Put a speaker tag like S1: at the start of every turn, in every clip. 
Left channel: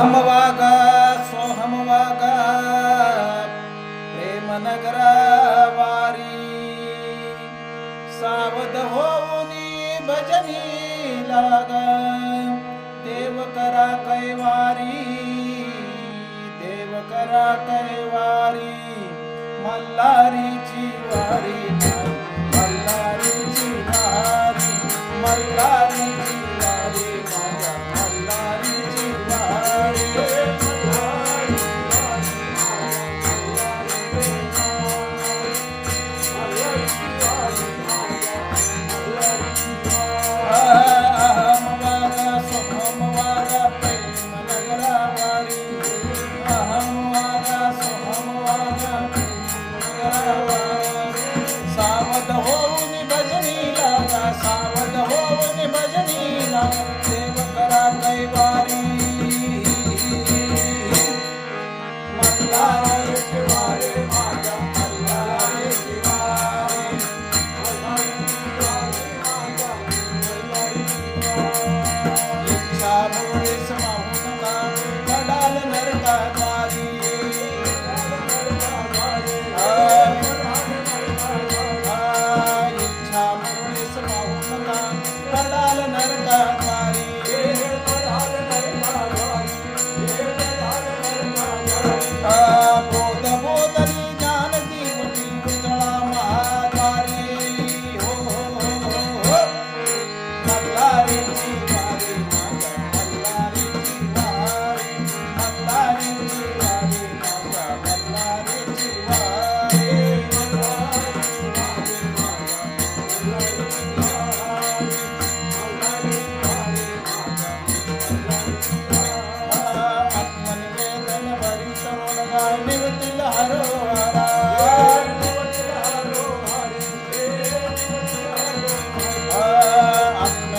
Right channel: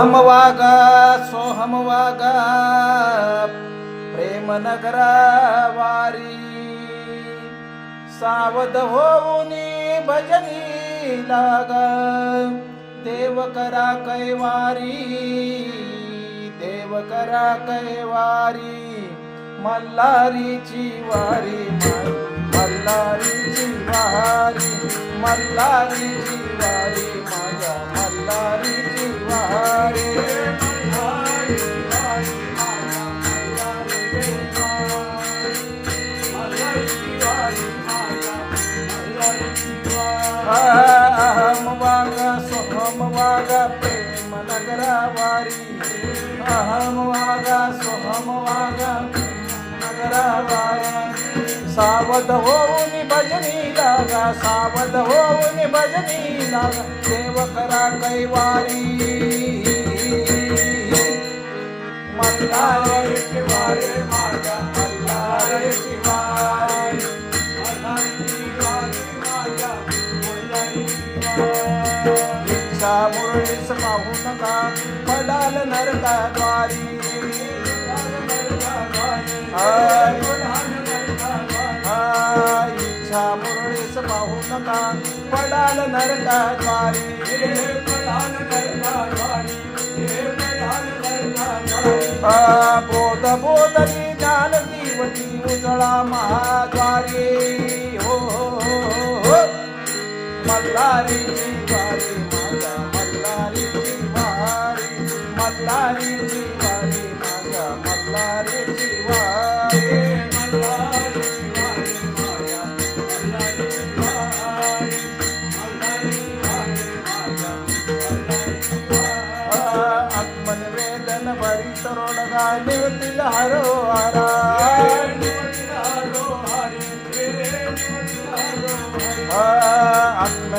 S1: अहम वागा सोहम वागा प्रेम वारी सावध होऊनी भजनी लाग देव करा कैवारी देव करा कैवारी मल्हारीची वारी मल्हारीची वारी मल्हारीची सोहम वागा प्रेम नगरा वारी अहम वागा सोहम वागा नगरा वारी सावध होऊन भजनी लागा सावध होऊन भजनी लागा. देव करा कैवारी. मुळीस पाहू नका पडाल नरकाद्वारी द्वारी इच्छा मुरळीस पाहू नका पडाल नरकाद्वारी द्वारी बोध बोधरी ज्ञान दिवटी उजळा महाद्वारी हो हो, हो, हो. मल्हारीची वारी मल्हारीची वारी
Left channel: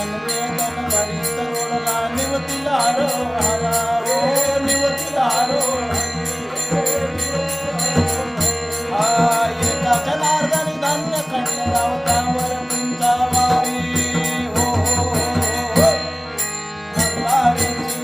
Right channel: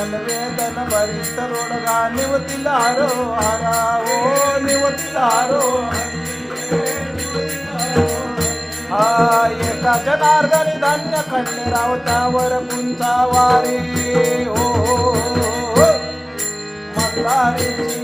S1: आत्मनिवेदन भरी तरोडगा निवतील हरोहारा ओ निवतील हरो हा एका जनार्दनी धान्य खंड रावतावर पुंचा वारी हो हो, हो, हो. मल्हारीची वारी माझ्या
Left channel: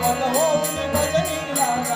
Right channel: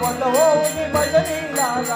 S1: ಒಂದು ಹೋಗಿ ಭಜನಿ ರಾಗ